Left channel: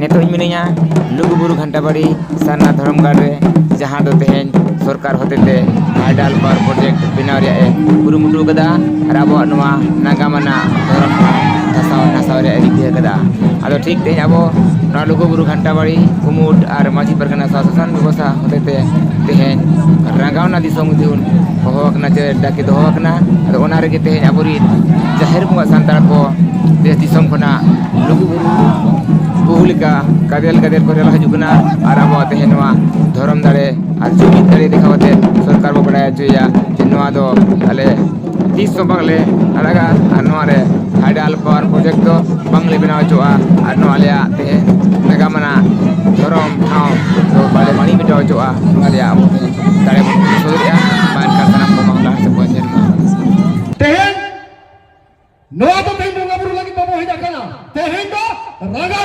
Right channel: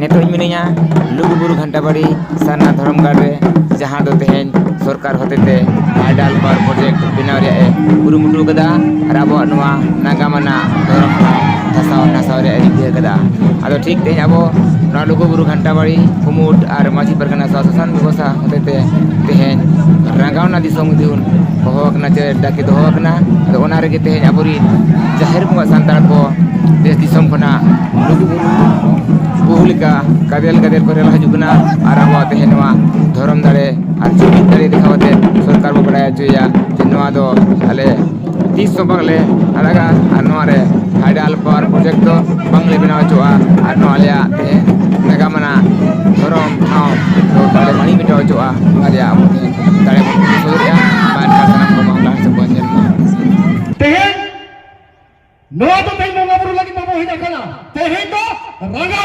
नितों मिनिया लुगुबुरु घंटाबाड़ी सरना धर्मगढ़ रे जहां दो तेहेन सरकार होतेते हाइडल पावर प्रोजेक्ट बनाव रे कुरुमुटु कदा और अब नागामना धर्म ठाव नासाव रे रिक्रिया कदा आदो ठीक तेहेन अब लुगुबुरु घंटाबाड़ी कुमुट और माझी परगना शासन व्यवस्था होतेते तेहेन रागावना दिसोम दिउन होकना चे डाके दोहकना आदो ओना रे तेहेन अबुरी जाहिर बुंगा सांतार को देश दिसोम खना लुगुबुरु बहुलिका कादेल कादेल करे हजुगना और अब तेहेन धर्म दाड़े और जुमिद दाड़े दिखावते सरकार को बड़ा चुया जे नवा दो आले 30 बगले अलगा और नवा रे हाइडल पावर प्रोजेक्ट दो बंगले बनाव चुआ और नवा आले तेहेन नागामना धर्म ठाव तो बाले मणि मिटाव चुआ आलिया दाड़े बन सोदरिया मान का सनम को मामला से पहुंचेन तेहेन नवा तो तेहेन मंगाबुरु लगी बाबू हे जाकना तेहेन तो रागाव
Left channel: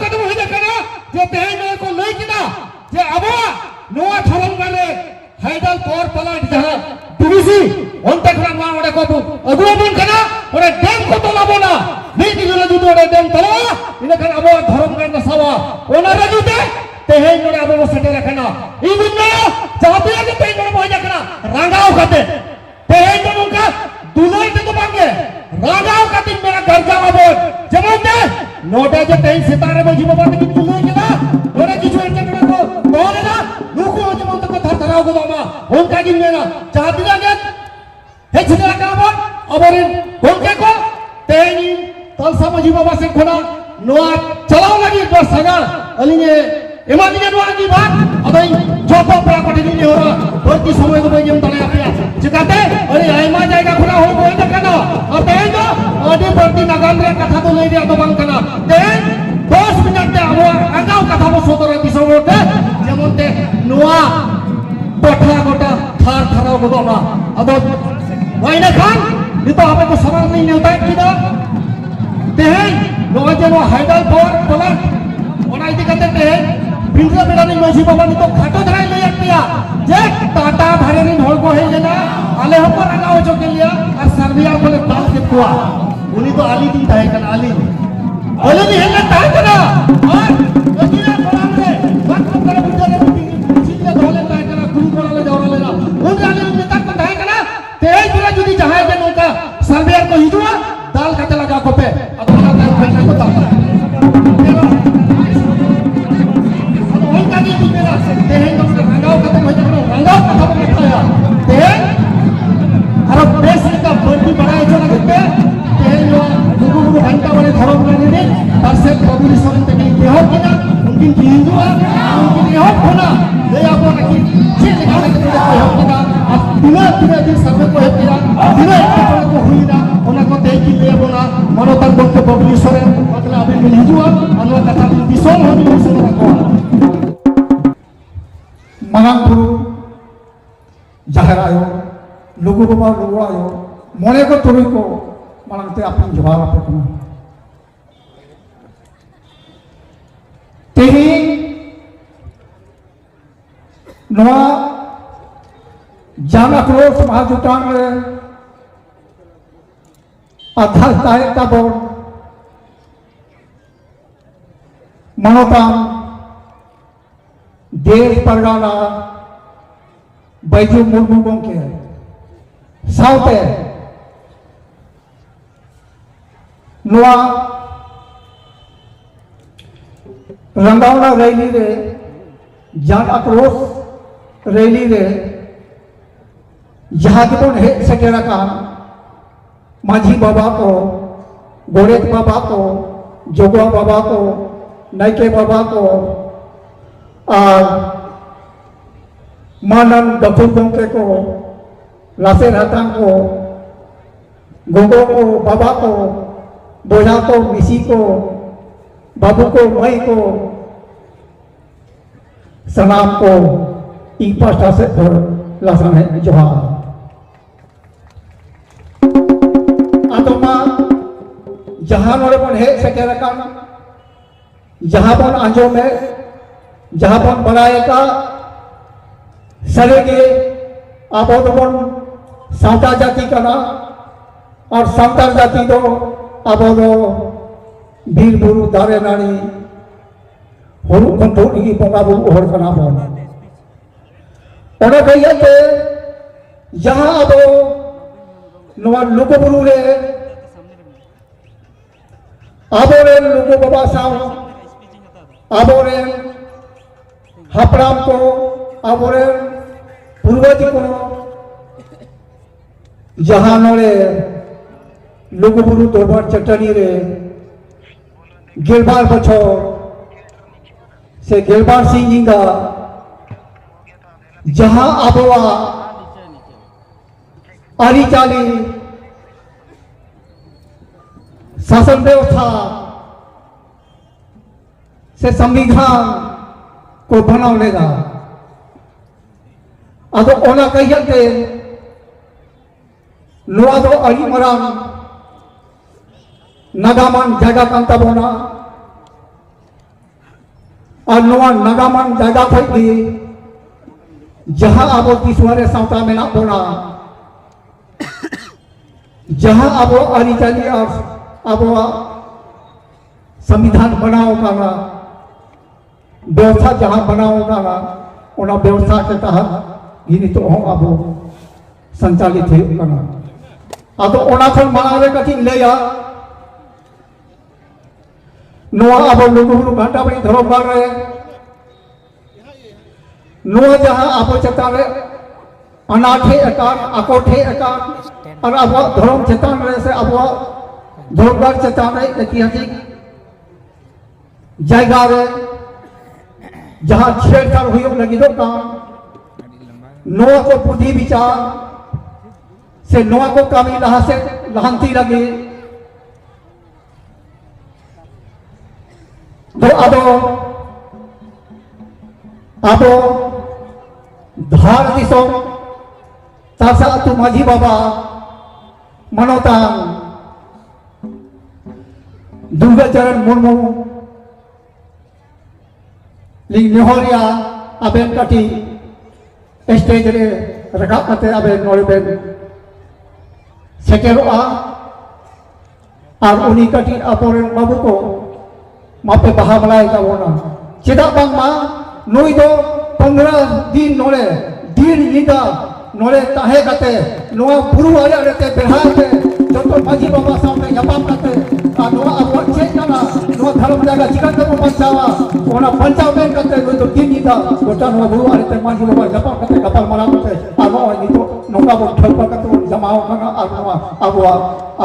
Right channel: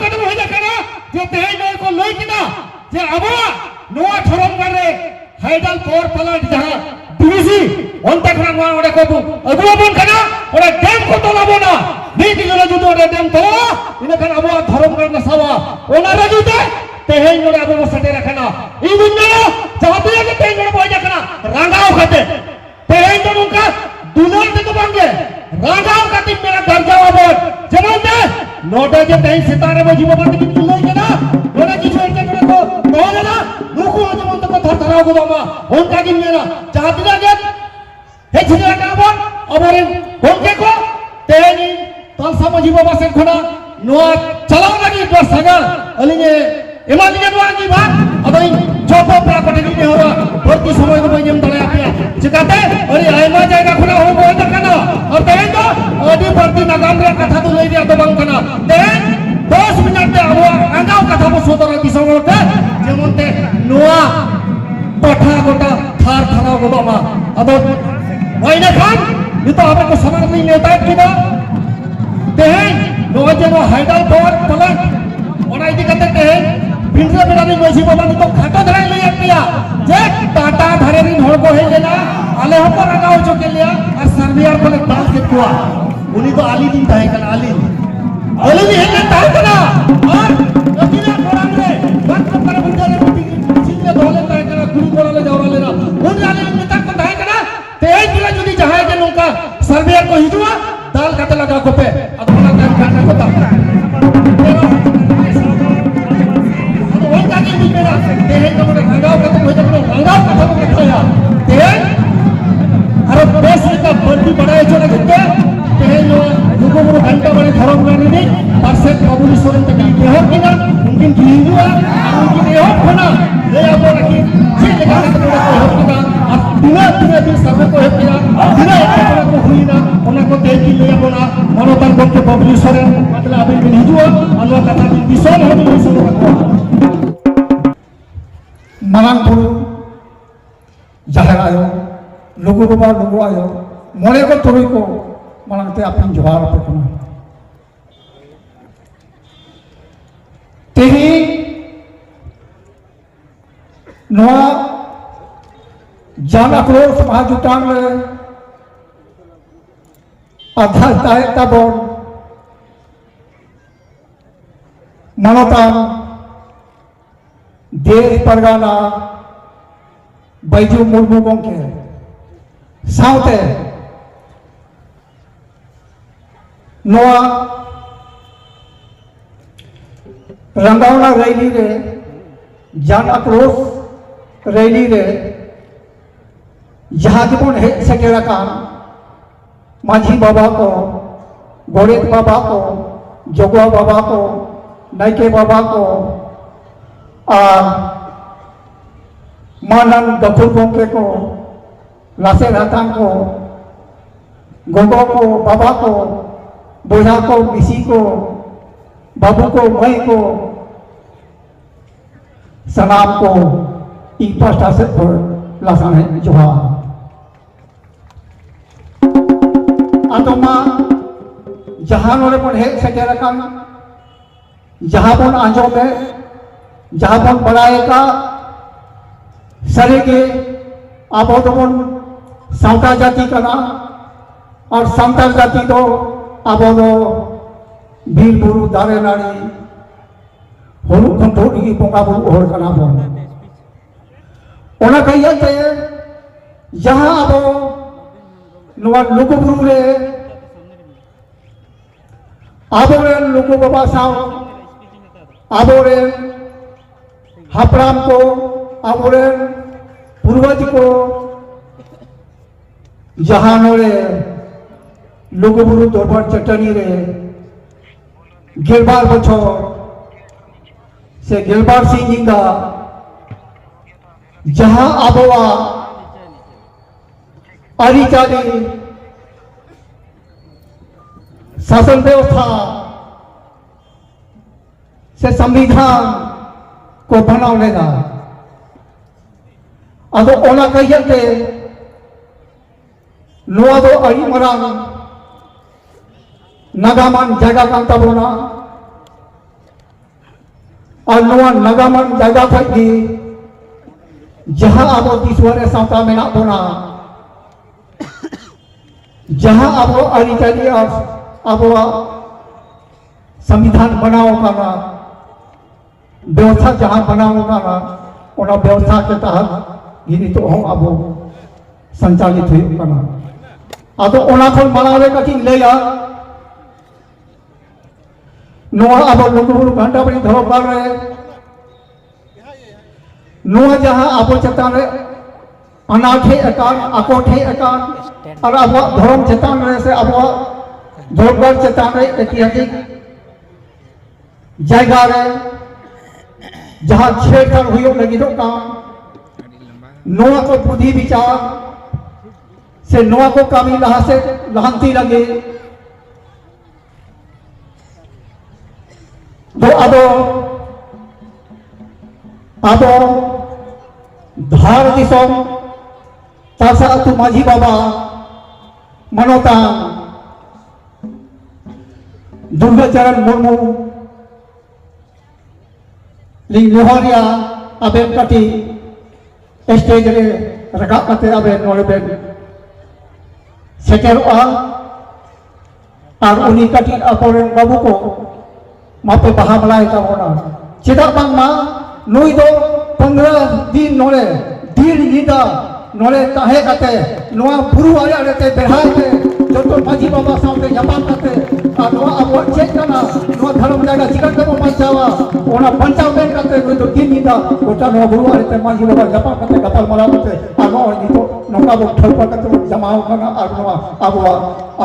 कदम हो जाकना जो तेहेन को लई किना जे अबो नवा धर्म करे हाइडल पावर प्लांट जहां डीवीसी ओंता कना नवा ओडे को अबो बन कना ओडे डैम को तो लाबो ना नीति जोला जुदु ओडे डैम तला इने कना अबो धर्म करना सवा ओना रजीते तेहेन ओडे अबो सटे रखना ई गुन्ना चाहते के तेहेन ओडे हो जाकना रागाव कते तेहेन तो उनका दुलई ते तो बांगे रागाव कते मेरा घर जाओ अब जमते नोटा जे तेहेन सितारे में जीव बात की दुलई के ना ओना किछु इनके को बोले ना मुखु तो मन तो धरधराव को बाबा उनका की मेरा चाहती ना के हे छिरा का बाबा अबरिन उनके को तेहेन तलसा में जीव बाबा से खना नोआ चलाव लगी बस सगा अलिने एमा दिने नोआ की बात अबई जॉब प्रॉपर्टी नहीं हुआ भर्ती समय को मैं जम तले आते चिकाते अरे आयमा जाएगा खुला हो कोई ना करना और तेहेन तो ओडी भर्ती नगान रे कथा तो ले दिया तो बंग करना तेहेन 10 मिनट दे अब आगाव कथा को सोतरा किसोते जेमते नोआ पठा गोटा थार थारा को बाबा अब वाइना खान ये तो आपको समाज नहीं लेता कि ना तेहेन नोआ जे वो हाइडल पावर प्लांट ओना इति करते तेहेन बिंद्रा बिलानी मोसी बाबा तो खाता धरा ले किया जे टाटा धरे rin हड़ को है लेना आले हो पर आगाव जो के लिया और सर्बिया को बात के कुआ उनी तो आली दिन है कन आली बोले भी है तार करा और वकीला फोरम रे बात कर बुझे रे चिन्ने बोले तार करा गुरु बोला ले जावा लेना उन आले में तक तो है करा तेज बोला जुदी जहां के लोका सर्बिया को हिजुआ दाल काटे लगा को पे अपना दाल खाना को तेरा ओंका की मेरा तेज तो रंगाव खत्म हो जाए रंगाव खत्म हो गया तेज और देश का भर्ती बढ़ाए चले घंटे तेज लुगुबुरु घंटा वाले धर्म करने परसे काबुली सोन तक यह किना उनकी हिंदू उनकी यह होना ले आप रखी ठीक लगा के हो किना पूरा दिन सफर को है किना पूरा को हुई ना उनको देख के ले बोला मनोबल के काबुली सोन मतलब अभी के हिंदू अल्लाह कथा की दिशोन हो भी सुन रखो मांगपुर जहां आयो लोगों को बार लोगों आयो मोले को तुरी को मानते अपन जवाब पे कना तेरी नवा जाना क्रोध महाजुटान में अधारता बोर्ड मनोता देश परगाना बैजू मुर्मू गोंके साउते नोआ रंगावना रैली रे जान आक्रोश रैली रे जहां की तो हेड सके रखा माझी बाबा को गोरेत बाबा को जोगवा बाबा को नैके बाबा को और मानन गफुर गोंके को लासे रहता को गोगो को बाबा को बोझा को मिसी को बाबू को मई को सनाम को ई पास्टा से और लासान है जवाब आतोमा जहां वाले पर है सके रकम जहां पर आंजो में जहां पर बनाएगा सरे के आप तो सावता जाति का ना और संतार जाति तो अब बीर बुरु दारे नाड़ी हुरु खंतु की बोंगा बुरु हर कना बोन ओना कहियाते जहां अबो नुआ लुगु बुरु रे आबोरेन लुगु बाबा साव आबोरेन हापराम को आबोरेन पूर्वज को जहां नोरे लुगु बुरु दरबार चटनी रे गेलबार बछर से गेलबार सिंगिंगा जहां आबोआ आरिचाली शासन व्यवस्था से संविधान को बनाने का अब ओना कहिए नोआ दो अड़ी मरान नगामान जगह कांता बोना और नोआ नगामान जगह थी जहां अब तीसवारे सावता में ना बोना जहां अब अरिचाली और अब संविधान बनाओ माना व्यवस्था जहां बनाओ माना उना व्यवस्था के तहत गिनी तो हम अब संचालित है माना अब उना खन बनावे कथि लेया नोआ अब लोगो घंटा बनी धरो कर रहे नोआ जहां अब चतारे अनाथे एकान अकोठे एकान और अब धर्म चेतन से अब धर्मगढ़ चेतन ऐतिहासिक जगह रे जहां छेड़छाड़ हुई लगी दो काम नोआ को बुद्धि विचार से नोआ को कामी लहा से लहांती लगे दो अब धार दिसम तासा तु माझी बाबा मनोता दुर्गाचरण मुर्मू लिंगलोहारिया अबेन कटी स्टेज रे रकाब कते अबेन नोरे बेन सेटेरोआ और उनी कटी अपोरेन बाबू को मापे बहा बलाय काबोना चेदा बांग मा नुई दो 15 दिन नोरे दिन नीदा नोरे ताहे कते नोआ बुरु आया रहते बेहाय पे जब तो माझी बाबा सामने जपान करते और नोआ अब चेक करना नोआ धर्म देगा चिकन को पंचावा ओना पंचावन करते कोई तो दिन नीदा गोटा नोआ बुरु आया रहते माझी बाबा जपान करते कपाल माला करते और नोआ नी तो नोका वो ठल करते जमाओ करना और नोआ अब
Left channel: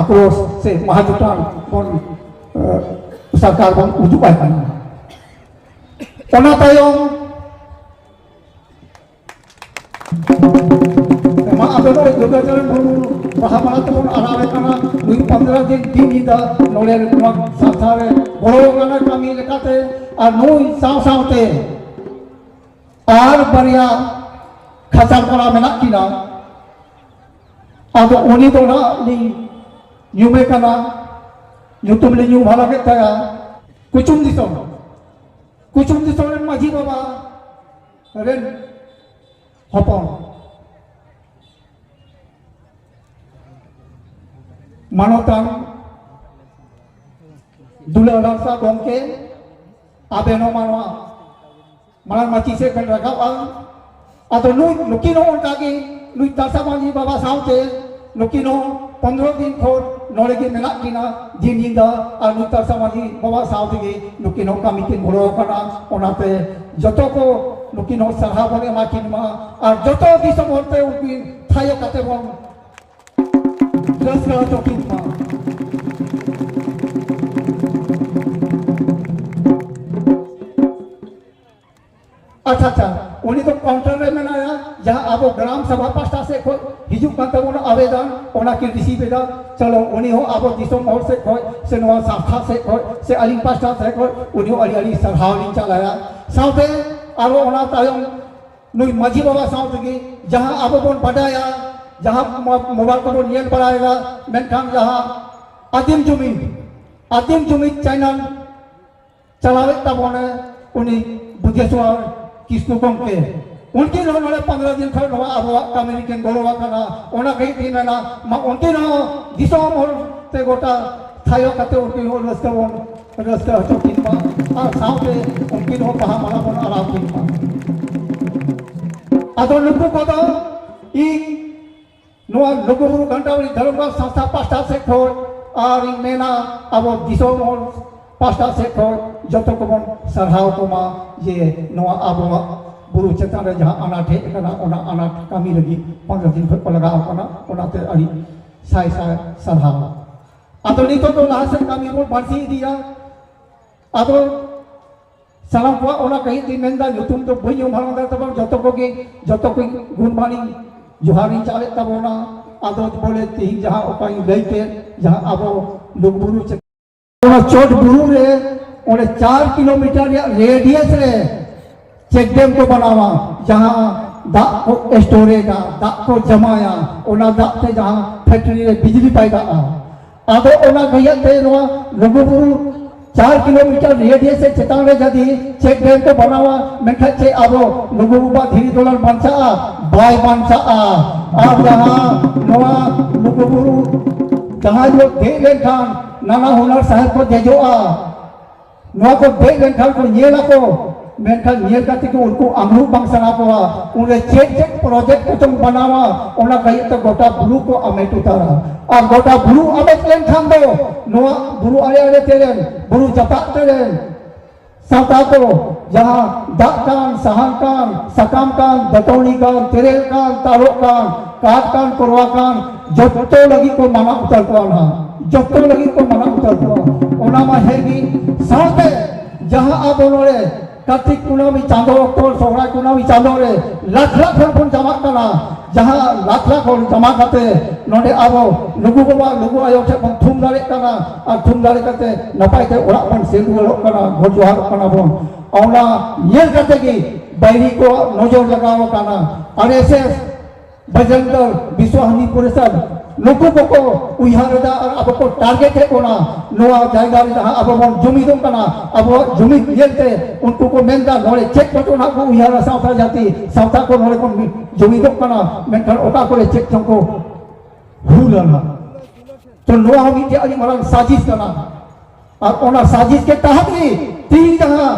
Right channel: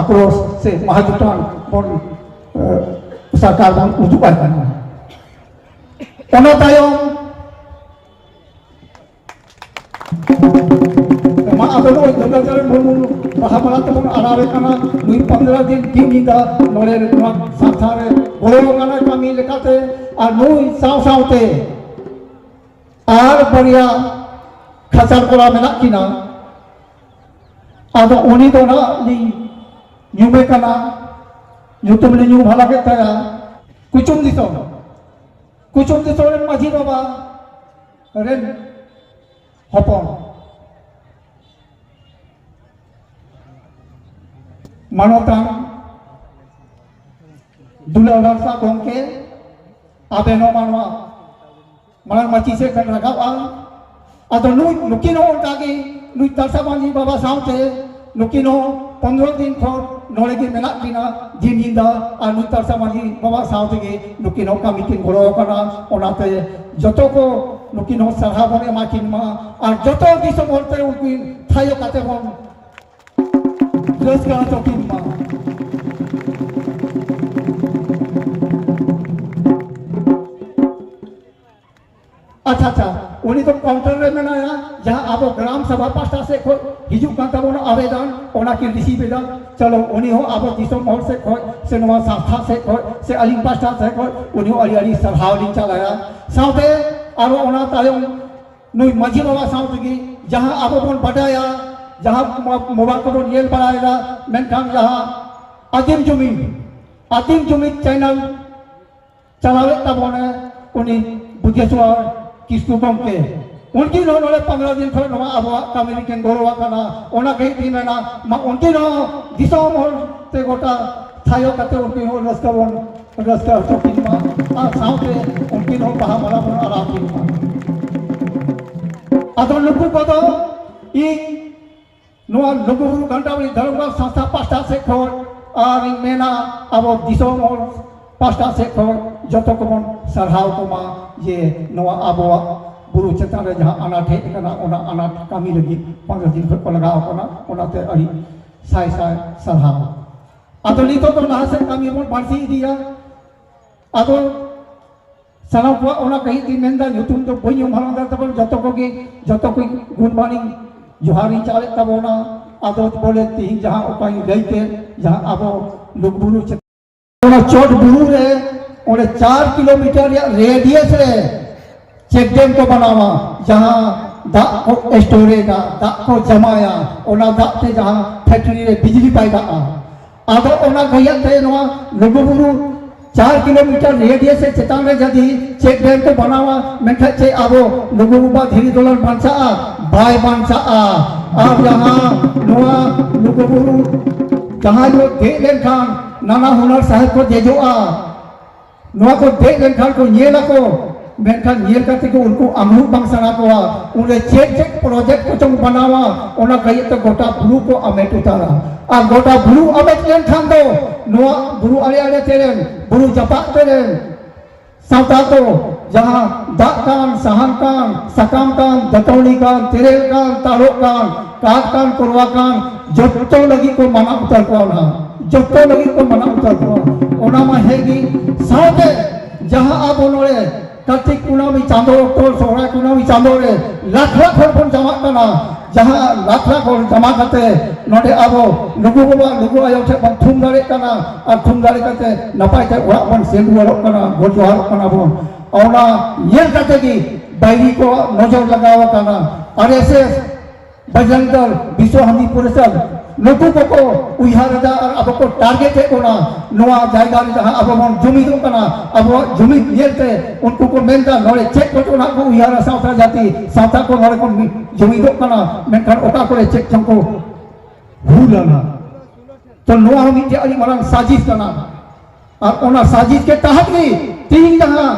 आक्रोश से महाजुटान बोल सरकार बन उजुपाय करना ओना तायो दुर्गाचरण मुर्मू महाभारत को अनावे करना 15 दिन दिन नीदा नोरे नोआ साथारे बड़ो गाना कामी लेकाते और नुई साव सावते आर बरिया खाचार करा मेना किना अब उनी तो ना ली न्यूमे कना न्यूतुम ली न्यू भाला के तया कुचुम दिसो रे माझी बाबा रेन हपो मानोतान दुलाराम सा गोंके आबेनो मानवा माला माची से कन रखावा अतो नुकिनो उनकागी नुई तासा मांगी बाबा सावते नुकिनो 15 दिन खोर नोरे की मेना किना जिन जिंदा और नुई तासा मांगी बाबा सावते के नुकिनो कामी किन घोरो कना ओनाते जतो को नुकिनो सहा बने माकिन मा और जतो दिसो बोलते उनकी थायो काते बोल जस का तो किन मा अच्छा उन्हीं तो काउंटर में बनाया जहां आप ग्राम सभा पास्टा से खो हिजू का तो उन आवेदन ओना के रिसीव बेदा चलो उन्हीं हो आप दिसो मोर से खो से नवा संस्था से खो से अलिंग पास्टा से खो उन्हीं अली अली सभा लिंग चलाया साथे और ओना तायो नुई मजी बाबा साथे की जहां आप बोन बढ़ाया जहां मोबाइल को नियल पड़ाएगा मेनखान जहां आदिम जुमी चैनल चलावे तब उन्हीं बुद्धेश्वर किसको कम के उनकी नोले 15 दिन थोड़ा नवा अब कम्युनिकेशन गोरवा करना ओना कहीं दिन में ना उनकी नो दिसो मोर ते गोटा थायो कते उनकी नो रस्ता रस्ता हचो किन मा और साउते उनकिन हो बाहा मला बन आरा किन मा आदो लुकु कदो इ नोआ लुगुबुरु घंटावली धर्मगांव संस्था पास्टा से खोल और इन मेना अब दिसोम पास्टा से खोल जतो को मन सरहाव को मा ये नोआ अब बुरु चेतन रे जहां अनाथे कना ओना अनाथ कमी लगी 15 दिन को लगाव कना ओनाते अड़ी साय साय सरहाव आदो नितो तो लहा से कमी रो बांसी दिया आदो सालाम को ओना कहीं दी मेंदा नुतुम तो बई उमहानदा तब जतो को गुड मॉर्निंग जोहारी चाले तबोना आदो बोले तीन जहां उपाय लेते जहां अब लुगबुरु चोट बुरु रे ओने 4 किलोमीटर रेडियस रे चेक डैम को बनावा जहां दा को स्टोरेगा दा को जमाया ओना दा ते जहां फैक्ट्री रे बिजली पाएगा आदो ओना गया ते नवा लुगबुरु 4 किलोमीटर रेडियस से चेतान रे जदी चेक डैम को बनावा मेनखा चे आबो लुगबुबा धीरी दोलन बांसा बाय बांसा और जहां नवा लुगबुरु जहां लोग देख लेन खान नाना हुनर साहब को जेजोआ नवा को देख लेन खान को येला को मेनखान येल करते को उनको अमरू बांसना को उन्हें चेक प्रोजेक्ट को तुम बनावा ओना कही तो गोटा ब्लू को अमेट उतारा आ गोटा ब्लू अमेट लेन खान दो नवा ब्लू आले तेरे ब्लू जपा तेरे साउता को जहां दाकान सहानकान सकामकान दतौनीकान तेरेलकान तालुकान काटकान कुरवाकान जत्तो लगी को मना उतर को ना जत्तो लगी को मना उतर को ओना मा हेगी साउते जहां आप बोले कार्तिक कुनामी चांदो तोल सोहरा कुनामी चांदो रे लाख लाख हर जमा करना जहां लाख लाख जमा करते नोडे आबो लुगु बाबा लुगु आयो से थुम दारे करना और थुम दारे करते नपाय ते ओरा बन सेल लोक करना गोजहार करना बोन औना येल करते की बैरी को नजर लगाव करना और ऐसे बजंतर विश्व हिंदी परिषद लोगों को उइहारदा और अब को टारगेट है कोना नोआ जायगा रे जहां अब मन जुमिदो कना अब जुमिद येलते उनको को मेनका नोरे चेक को ना को उइहारा साउथा जाति साउथा को नोरे को जुमिदो कना मेनका ओका को चेक को भूलना तो नोआ हम के अली मरन साजिश कना और ओना साजिश के तहत भी तीन जहां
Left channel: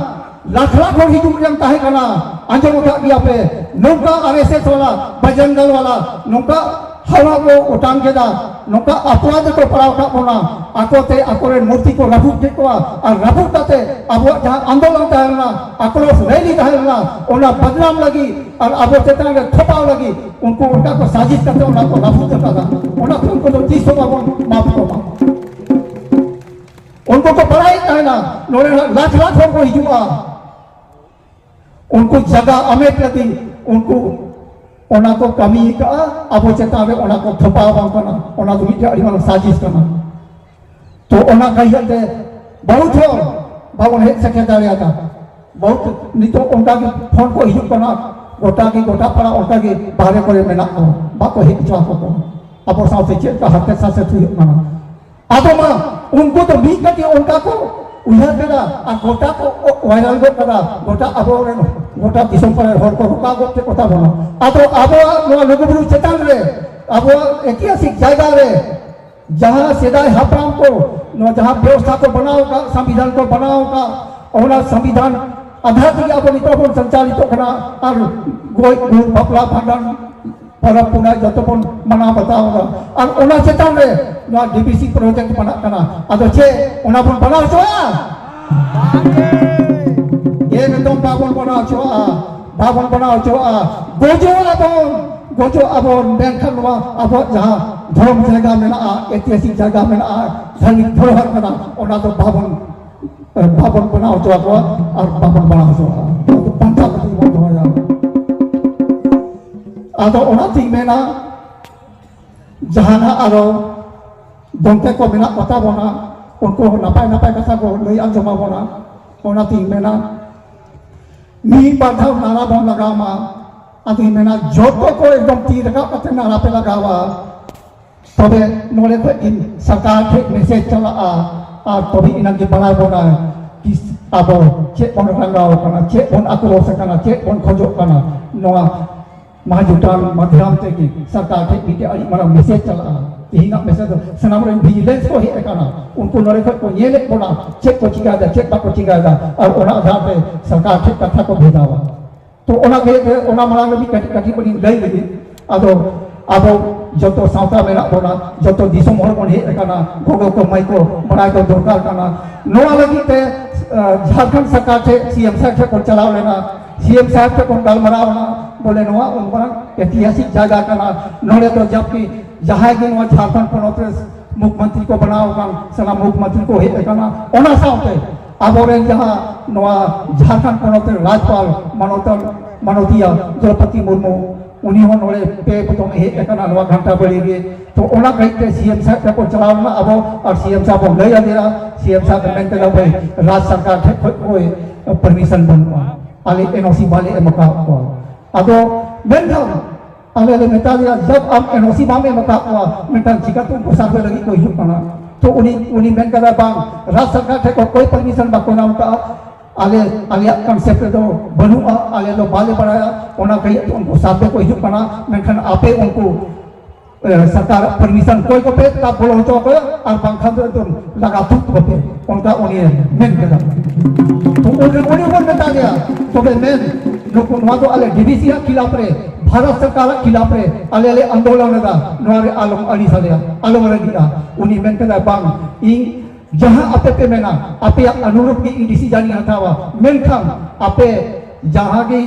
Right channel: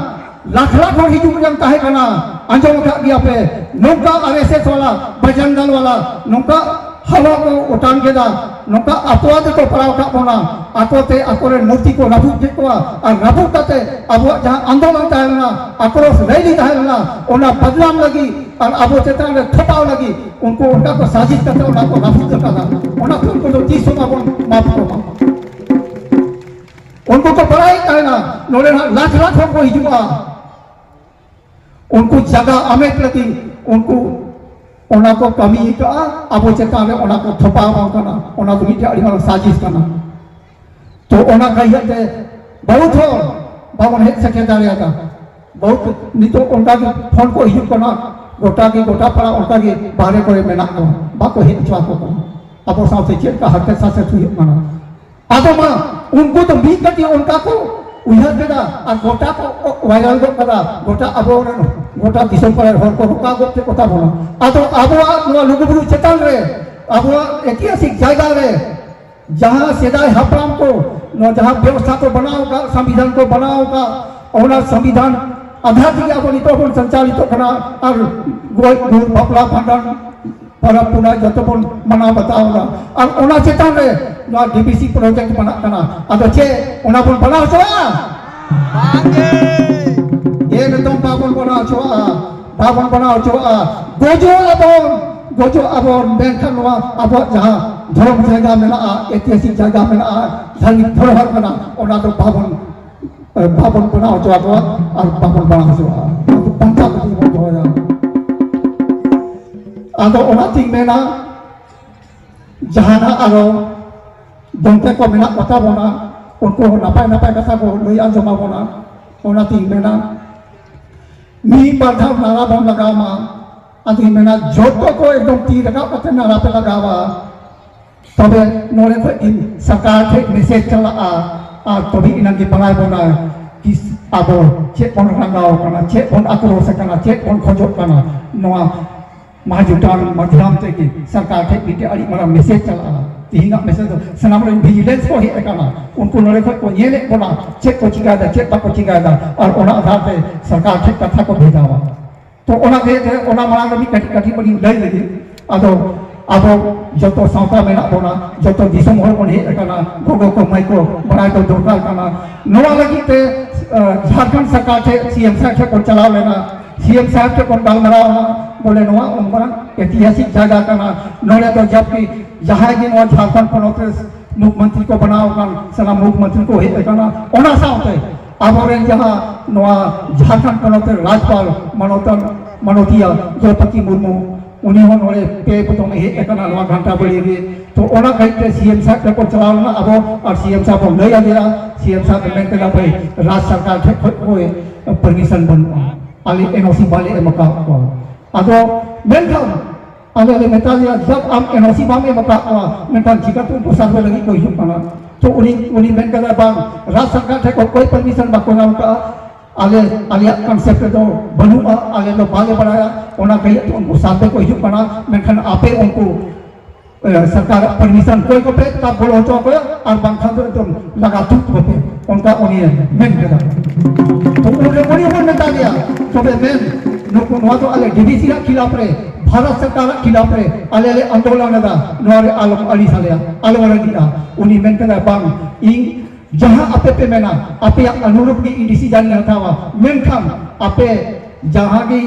लाख लाख हर हिजू जम ताहे कना अंजम का गया पे नौका आवेसे वाला बजंगल वाला नौका हवा को उठान के दा नौका अपवाद को पड़ाव का कोना आकोते आकोरे मूर्ति को रबू के को और रबू कते अब जहां आंदोलन ताहना आक्रोश रैली ताहना ओना बदनाम लगी और अब चेतन रे खटाव लगी उनको उनका को साजिश करते उनका को रबू करता था ओना तो उनको तो 30 का माफ को उनको तो पढ़ाई कहना नोरे लाख लाख को हिजुआ उनको जगह अमेट लगी उनको ओना को कमी का अब चेता रे ओना को थपा बांग करना ओना तो मिटे अड़ी मानो साजिश करना तो ओना कहिया ते बहुत हो बाबन हेड सेक्रेटरी आता बहुत नितो उनका फोन को हिजुक करना गोटा पड़ा उनका के बारे करे मेना को बाको हिट चवा को अब साथे चेत का हत्या साथे थुई माना आदमा उनको तो भी कटी उनका को उइहा केदा और गोटा को वायरल गो कदा गोटा अब गोटा दिसम पर हर को रुका गोटे कोता बोला आतो अब नो लुगुबुरु चेतन रे अब ऐतिहासिक जगह रे जहां सेदाय हपराम को नो जहां व्यवस्था को बनाओ का संविधान को बनाओ का ओना संविधान आधार की अब नितोपन संचालित करना और गुरु बपला भांडन para puna jatopon mana batawa और ओना चेतन रे नो डीपीसी प्रोजेक्ट बना करना अदो चे ओना पन बनाओ छोआ बांगे ये नतम बाबन बनाओ छोआ गोजो अबन बेंखन वा अब जहां धर्म जगह में आ ऐतिहासिक जगह में आ धार्मिक धरोहर बना ओना तो बाबन बनाओ छोआ और बाबन बनाओ छोआ पंचा को होया आदो ओना थिंग मेना जहाना आरो दंते को मेना कथा बना उनको नापाय कथा को लई आंजमा बना ओना थिंग मेना मी बाधा नारा बम लगामा आदि मेना जोतो को एकदम ती रखा कते नारा पे लगावा तबे नोरे पे इन सरकार के मैसेज चला आ तभी इनके बना बना कि अब चेक बन रंगाव करना चेक बन आक्रोश करना चेक बन खोजो करना नोआ महाजुटान माध्यम से कि सरकार के बीते अड़ी मरा मैसेज चल रहा Tihinga mesej senam ren vigilance ko hit kana unku nore ko nyele ko na check ko chiga da check ko chiga da aur ona adhar pe sarkar thik katha ko bhejawa to ona ke ona malang lebih kati bani lai lagi ado joto sauta mena bona joto disum hol kon hit kana gogo ko mai ko barai ko dorkar kana noa lagi te Jharkhand सरकार थे CM साहब थे को चलाव लेना CM साहब थे को गलमराव ना बोले नवा उनका ऐतिहासिक जगह का ना नोड़े तो जबकि जहाँ की नवा झारखंड पनोते मुख्यमंत्री को बनाओ kan sana मुख्यमंत्री को हे kana ona साउते aboren जहाँ नवा झारखंड पनोते राज्यपाल मनोतिया द्रौपदी मुर्मू उन्हीं नोड़े पे पुतों हे kana नवा घंटा बढ़ेगी तो ओना कहते सीएम साहब को चलावना अब और सीएम साहब को नहीं आदेरा सीएम साहब ने कहला भाई राज्य सरकार थे कोई परमिशन बनवा आले एनओसी वाले मका को अदो मेंटल आले मेंटल जब हम एनओसी बामे मका मेंटल जिका तो पुसाब लगी कोई हुना तो उन्हीं मेन कहला बांग राज्य सरकार थे कोई परमिशन बाको नाम का आले कंसेप्ट तो बनुआ आले तो बाले बड़ा ओना कही उनको साथ कोई हुना मेंखन आपे उनको सरकार परमिशन कोई को पे का बोलो तो को और बांखा तो लगा थुक को पे उनका उन्हें मेन करा तो उन्हें वो नेता दिया तो मेन नुको वहां तो अले डीडीसी के खिलाफ रे भारत सरकार के खिलाफ रे अले आंदोलन दा नोरे आलम अली साले आलम रे दिया उन्हें मेन करा बांग इन जहां आपे पे मेना आपे अनुरूप की डीडीसी जानी हटावा मेन खान आपे जहां की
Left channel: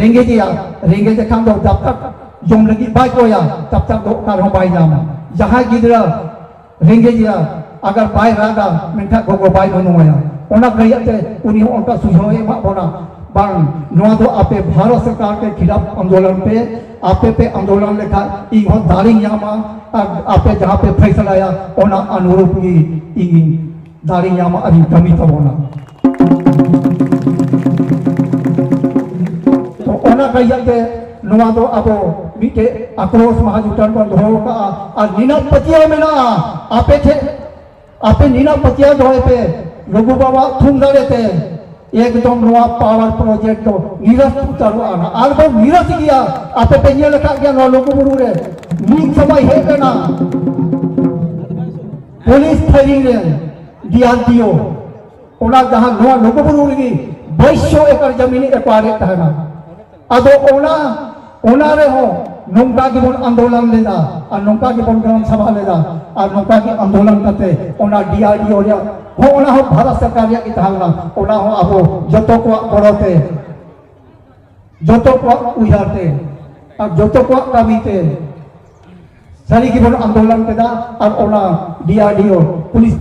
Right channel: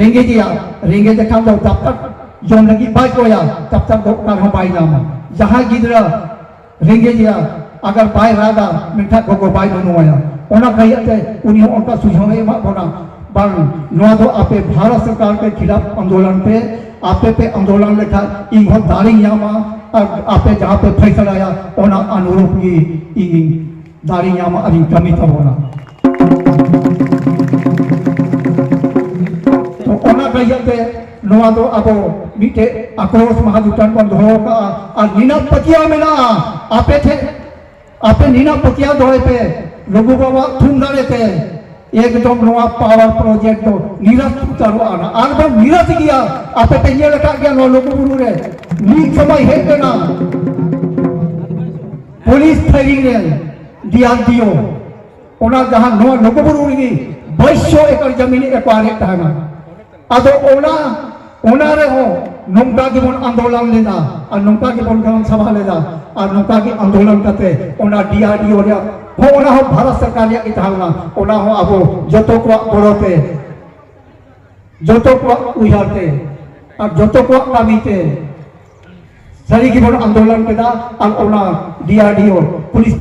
रेंगे देखा दो जब तक जौन लगी बाइक होया तब तक कर बाई जाना जहां गिदरा रेंगे जिया अगर बाई रागा मिठा गोगो बाई दोनों होया ओना कहिए उन्हीं उनका सुझाव है बोना बांग नुआ तो आपे भारत सरकार के खिलाफ आंदोलन पे आपे पे आंदोलन लेखा इन बहुत दारी यामा आपे जहां पे फैसला आया ओना अनुरूप की इन दारी यामा अभी कमी तो होना तो ओना कहिए नवा तो अब मीटे आक्रोश महाजुटान को धो का और नीना पतिया में ना आपे नीना पतिया धोए पे रघु बाबा थूम डाले थे एकदम नवा पावर प्रोजेक्ट तो नीरज चालू आना और तो नीरज गया आपे पे ये लगा गया नो लोगों गुरु रे नीक समय है करना पुलिस फायरिंग रे डीआरडीओ ओना जहां नवा लोगों गुरु रे 2200 एकड़ जमीन एक्वायर थाना अदो ओना रे हो नौका की बन आंदोलन लेदा और नौका की बन ग्राम सभा लेदा और नौका की आंदोलन करते ओना डीआरडीओ रे हो ओना हो भारत सरकार या इतांगना ओना हो अब जतो को बड़ोते जतो को उयारते और जतो को कामीते सरी की बन आंदोलन केदा और ओना डीआरडीओ पुलिस